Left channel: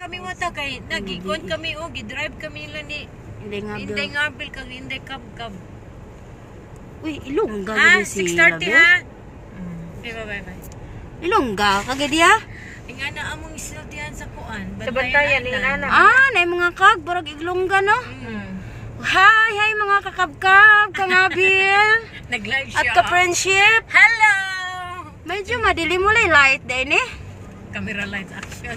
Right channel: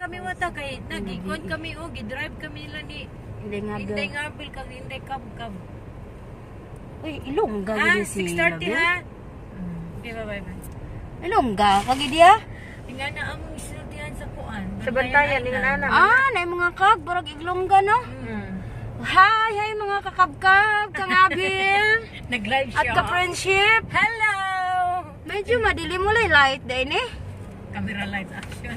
Kami wata kay nagikon kami o gidrive kami nila ni Inday Ngapil kag Inday Kabkab. Uy, Ilongga gid si 6:30 ha. Okay, bye. Ilongga kag dia? Inga na among isultihan sa kuan. Sa Bantayan ni ana. Nay mga kag barag Ilongga no. Hi mga kakabkab, kangabil. Nag-live siya. At ka-friendship. Hello. Medyo madilim mo light din eh. Camera light action.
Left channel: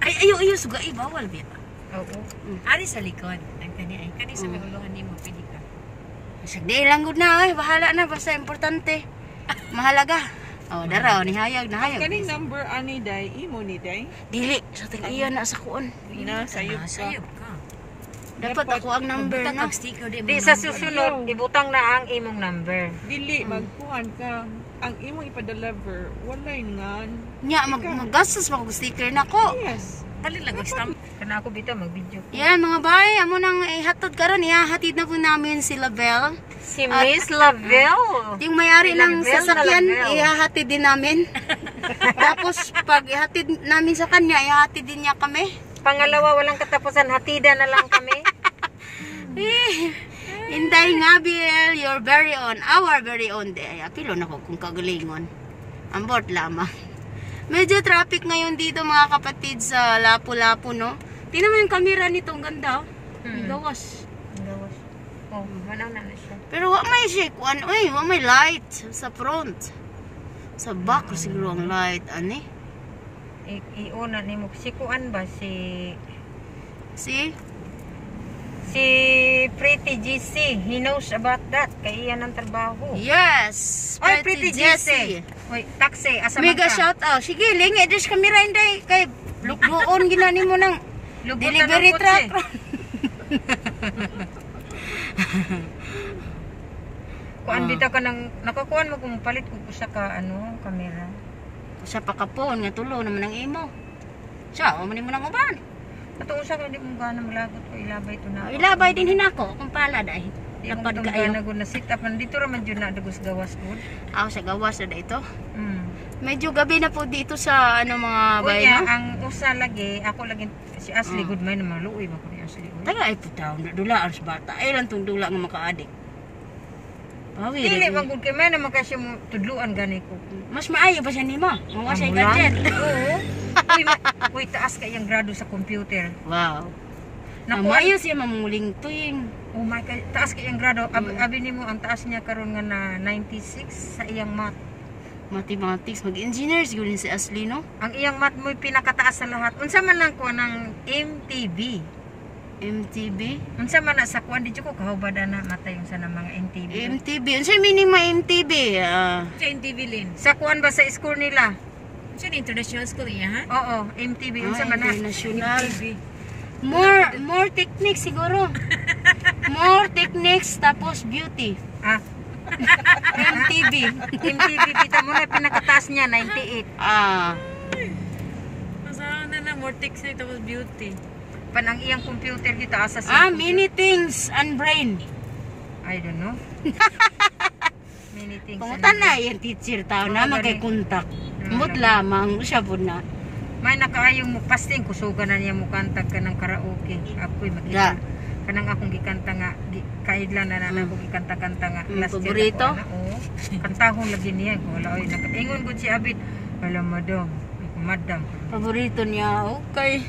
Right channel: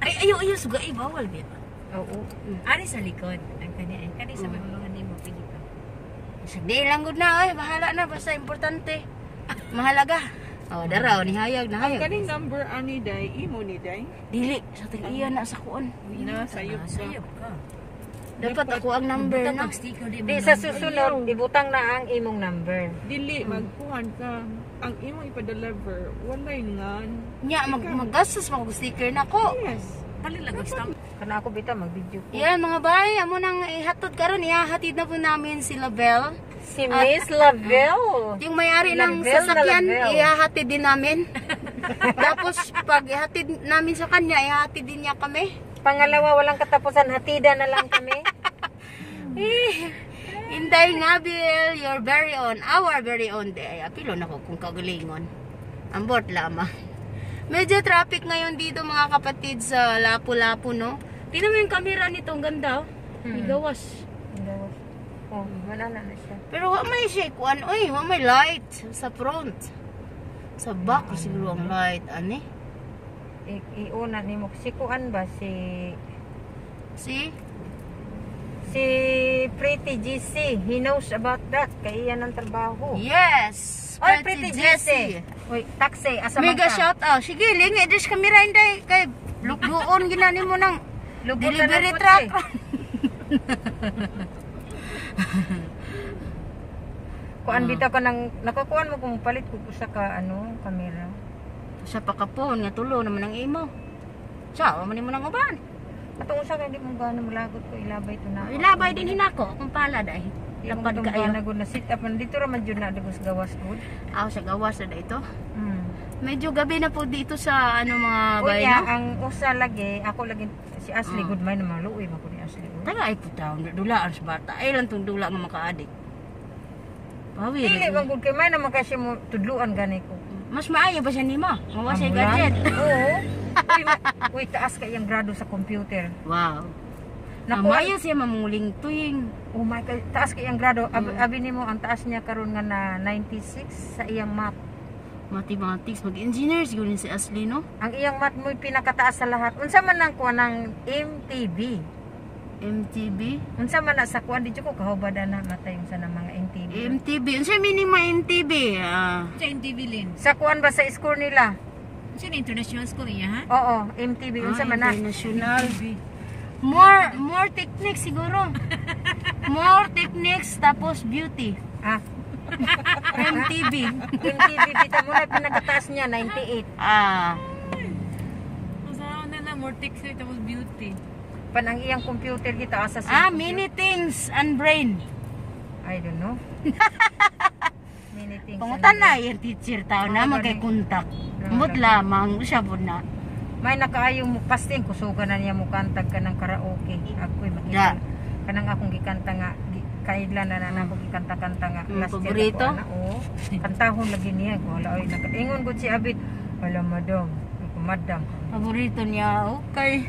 Ay ayo suga bawal bit. Oo. Ari sa likod. Ang kani sa mahuluhan nimo pili ka. Sagdi lang gud na bahala na basta importante. Mahalaga. Oh, daraw ni hayag na hayag. Kani number ani day, imo ni day? Dili sa tag-iya na sa kuon. Ina sayop ka. Dapat ako ang number na. Di sa susunod ibutang na ang imong number. Dili magkuhan ka. Ang imong ipa-deliver walay ngan. Nya maggastos mo og sticker nako. Yes. Dali lang stamp. Kana ako bitaw mag-video. Yan mga bay, amo nang ihatod karon ihahatid na po namin si Label. Si Miss Lavelle. Yung may-ari ng sasakyan, ihahatid din namin. Tapos pag ihatid namin sa kanya, ihahatid din niya kami. Pangalawa, walang katapusan, hatida na lang kami. Inday Ngapil, your very own, our very own day. Apilo na ko kung kagalingon. Ambot lamang. Medyo traffic ngayon dito mga kapatid sa Lapu-Lapu, no? Tingnan mo yung camera nito, ang ganda. Gawas. Oh, wala na siya. Pero wa may shake one, wa may light sa front. Sa back siguro ang light, ani? Iuna ni mo si kuan ba si Pretty GC. He knows about that. Kay iyan ang trabaho. Yes! Oy, Pretty GC. Oy, taxi. Asa mega shout out. Sige, lingi. Idris camera inday. Kay lukbuon ginani mo ng delivery truck. Kuan bitaw ka nang nakakuan mo kung palit ko sa camera. Sa pakapon nga tulo naman ang imo. Sa mo nimo nang uban. Katong usa kay di mo gana maglagot ko ilabay to na. Ilabay din hinako kung pala dai. Lapad kaayo. Nagud na sit up dito ra man jud na dagos gawas gud. Sa gawas na ito. Medyo gabi na po dito sa mga bay no. Ang usa lagi ako lagi si Ashley Goodman naman luoy mo ko ni Ashley. Taga ay putaw dula sa bata. Ay lang tong dula nga makaadik. Pawi dili man gud kay may naman kasi mo tudluan gani ko. Mas maayo ba siya nimo? Mga sa gadget. Oo. Uy, taas ka yung grado sa computer. Wow. Maayo siya mamuling tuing. Oh my God, taas ka yung grado. Abi nimo ang taas niya karon nga na 96 sa iyang math. Mathematics, mag-engineer siguro si Ashley, no? Ang iyang math mo pinakataas sa lahat. Unsa man lang kuan ng MTB? Unsa man na sa kuan di ko kahubada na mata yung sa mga MTB. Unsa meaning MTB? Sa MTB lin. Sa kuan ba sa school nila? Sa international school niya ha? Oo, MTB unsa man na? International. More techniques siguro. More techniques tapos beauty. MTB kita mo na pinakataas niya 98. Masawa na more techniques tapos beauty. Pan ang iyang computer kita asa sa many things and brain. I don't know. Many things. Pangutan na yung teacher tao na magkay-contact. Mut lamang siya po na. May nakaayong pasting kusugan na niya mo kantag ka ng karaoke. Ako'y magkita. Kanang akong gikanta nga kaidlan na ako gikanta-kanta nga. Paborito? Oo. Kantahon lagi niya. Wala oy ingon gud si Abid. Wala madam. Paborito niya okay.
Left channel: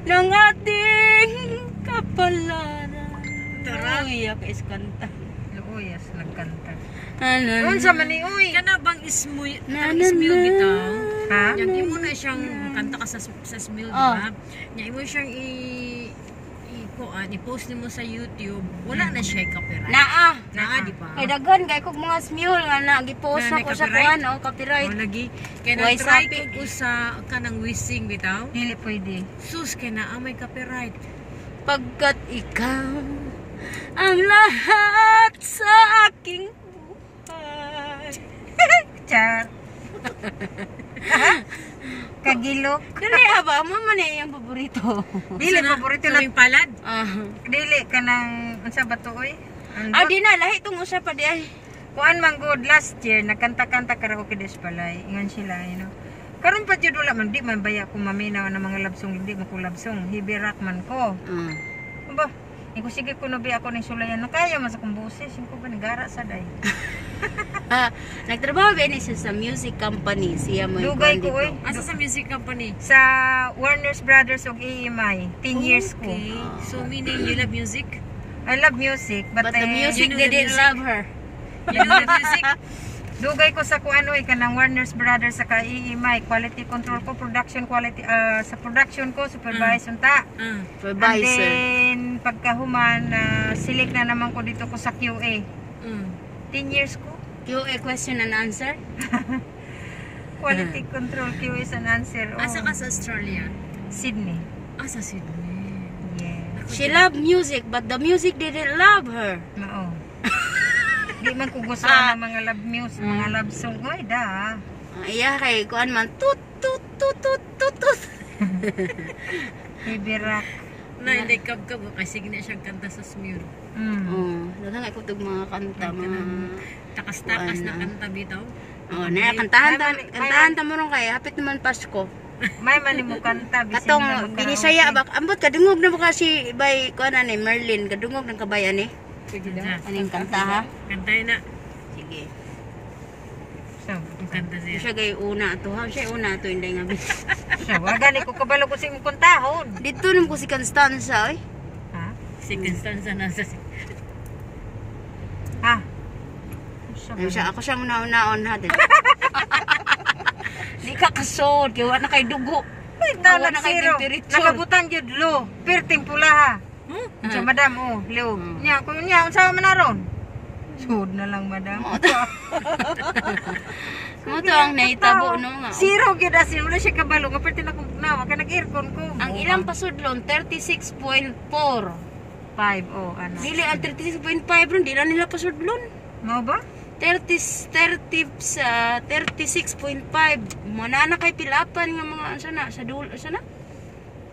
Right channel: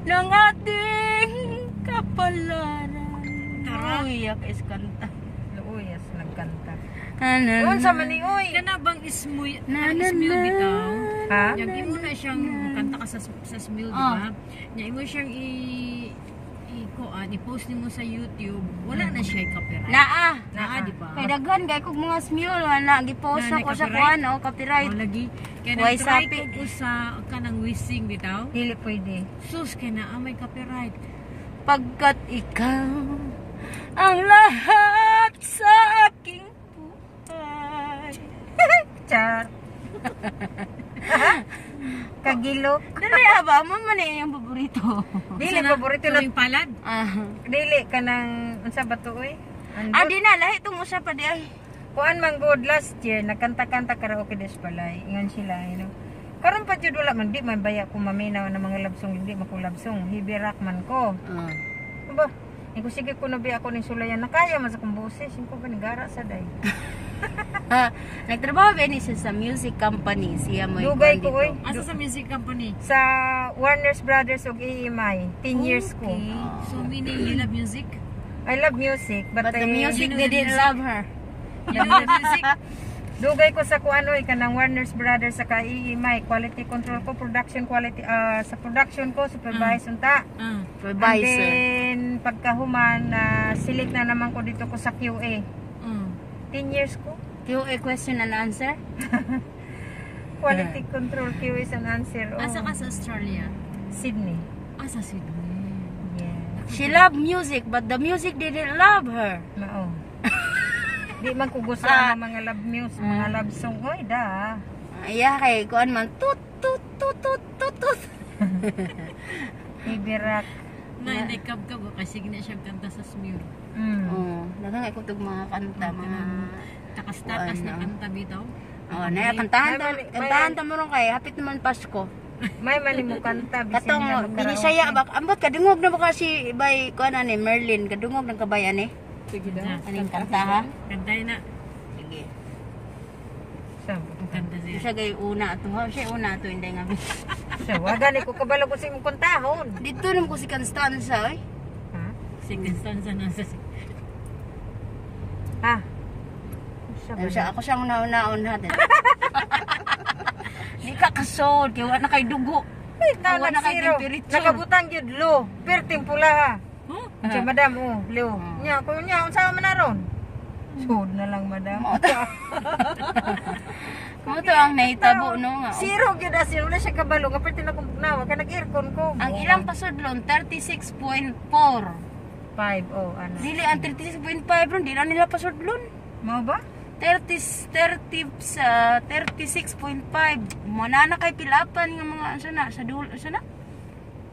Ng ating kapalaran. Uyak is kanta. Uyas nagkanta. Unsa man ni uy? Kana bang ismuy bitaw? Ha? Yang imo na siyang kanta ka sa smil, di ba? Yang imo siyang i-post nimo sa YouTube. Wala na siya copyright. Naa di ba? Kay daghan kay kog mga smule nga na gi-post ako sa kuan copyright. Lagi kay try ko sa kanang wishing bitaw. Dili pwede. Sus kay naa may copyright. Pagkat ikaw ang lahat sa aking buhay. Char. Kagilok. Dili ba mo man yung paborito. Dili paborito na yung palad. Dili kanang unsa ba to oy? Di na lahi tong usa pa di ay. Kuan man good last year nagkanta-kanta karaoke des palay. Ingon sila, Karon pa jud wala man di man baya ko maminaw na mga love song di man ko love song. Heavy rock man ko. Ba? Iko sige ko nabi ako ning sulayan na kaya man sa kong boses, ko ba nagara sa day. Nagtrabaho ba ni sa music company siya mo Dugay ko oy. Asa sa music company? Sa Warner's Brothers og EMI, 10 years ko. Okay. So meaning you love music? I love music but, But the music you know the didn't music? love her. You know the music? Dugay ko sa kuano kanang Warner's Brothers sa EMI, quality control ko, production quality sa production ko supervise unta. And Supervisor. then pagkahuman select na naman ko dito ko sa QA. 10 years ko. QA question and answer. Quality control QA and answer. Asa ka sa Australia? Sydney. Asa Sydney? Yeah. She loved music but the music didn't love her. Oo. Di man ko gusto ang mga love music, mga love song. Oy, da. Iya kay kuan man tut tut tut tut tut tut. Heavy rock. Na hindi kab-kab kay sige na siya kanta sa smure. Daghang ay kutog mga kanta mga Takas-takas na kanta bitaw. na kantahan ta mo ron kay hapit naman Pasko. May mali mo kanta. Katong binisaya ba ambot kadungog na mo kasi bay kuan ani Merlin kadungog ng kabayan eh. Sige na. Aning kanta ha. Kantay na. Sige. Kanta siya. Siya gay una ato ha. Siya una ato inday nga bis. So, wagani ko kabalo ko sing kuntahon. Dito nam ko si Constanza oy. Ha? Si Constanza na sa Ha? Siya ako siyang naon natin. Di ka kasod kay wa na kay dugo. Awa na kay temperature. Nakabutan jud lo. Pirting pula ha. Sa madam lo. Nya ko nya unsa man naron? Sud na lang madam. Mo to ang naitabo no nga. Zero gyud asin wala siya kabalo nga perti na kong nawa kay nag-aircon ko. Ang ilang pasudlon 36.4. 5 ana. Dili ang 36.5 ron di na nila pasudlon. Mao ba? 36.5 manana kay pilapan nga mga sana sa dulo sana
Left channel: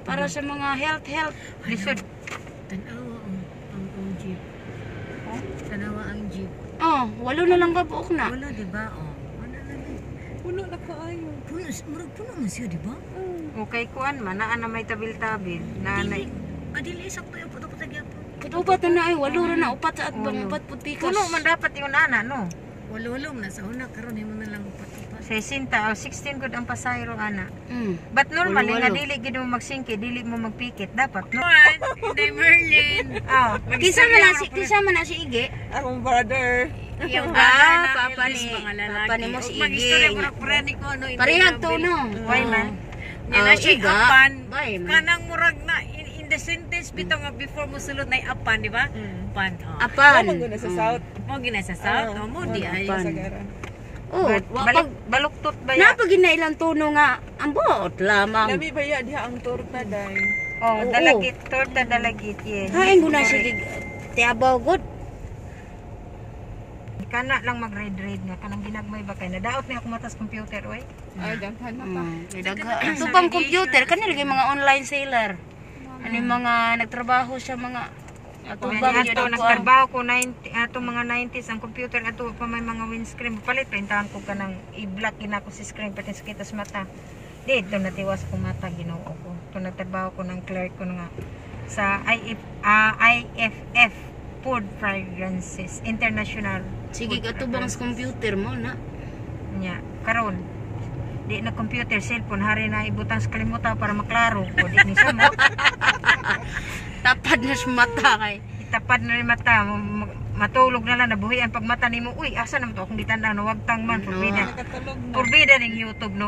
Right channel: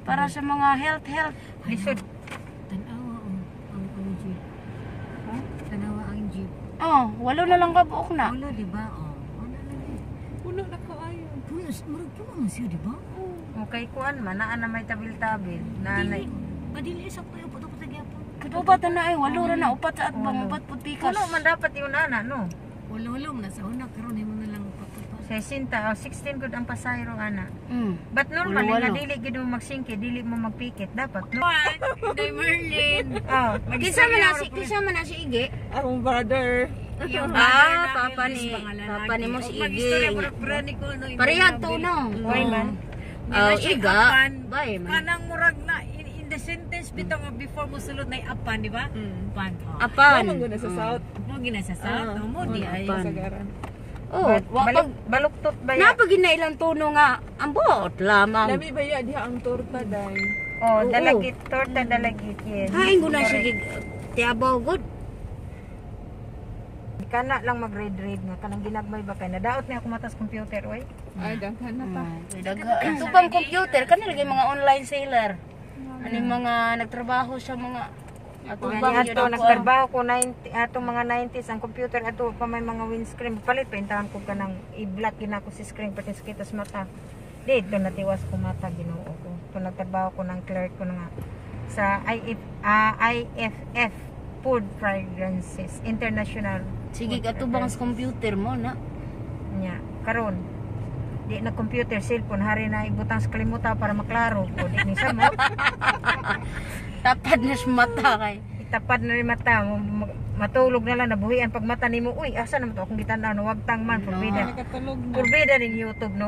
para sa mga health Lisod. Tanawa ang jeep. Tanawa ang jeep. walo na lang kabuok na. Wala di ba? Wala na din. Puno na kaayo. Puno man siya di ba? Okay kuan man naa na may tabil-tabil. Nanay. Dili isang tayo puto-puto gyapon. Kudupat na walo ra na upat sa atbang upat putikas. Puno man dapat yun ana no. Walo na sa una karon mo na lang upat-upat. 60 o 16 gud ang pasayro ana. But Walo, normal nga walo. dili gid mo magsingke, dili mo magpikit dapat no. Day Merlin. Kisa man na si Ige. Akong brother. Yung Papa ni mo si Mag-istorya Ige. murag ni ko ano. Parehag to no. Why man? Nila siya Iga. apan. Bay, man. Kanang murag na in the sentence bitaw nga before mo sulod na apan, di ba? Apan. Apan. Ako na sa south. Mo gina sa south, mo di ay. apan. Sagaran. Wapag Baluktot ba ya? napagin na ilang tuno nga ang buot lamang. Labi ba yan diha ang torta day. Oh, Oo. dalagit torta dalagit yes. Hain ko na siya tiabaw good. Kana lang mag-read nga kanang ginagmay ba kay nadaot na ako matas computer oy. Ay, daghan na pa. Ito pang computer kanila kay mga online seller. Ano yung mga nagtrabaho sa mga atubang Ato nagtrabaho ko 90 ato mga 90s ang computer ato pa may mga windscreen palit pintahan ko kanang i-block gina ko si screen pati sa kita sa mata. Dito natiwas ko mata Ginoo ko. To nagtrabaho ko ng clerk ko nga sa IFF Food Fragrances International. Sige katubang sa computer mo na. Nya karon di na computer cellphone hari na ibutang sa kalimutan para maklaro ko di ni samot. Tapad na sa mata kay. Itapad na rin mata matulog na lang nabuhian pag mata nimo uy asa naman to akong ditandang nawagtang man No. purbida Nakatulog na. purbida ning YouTube no.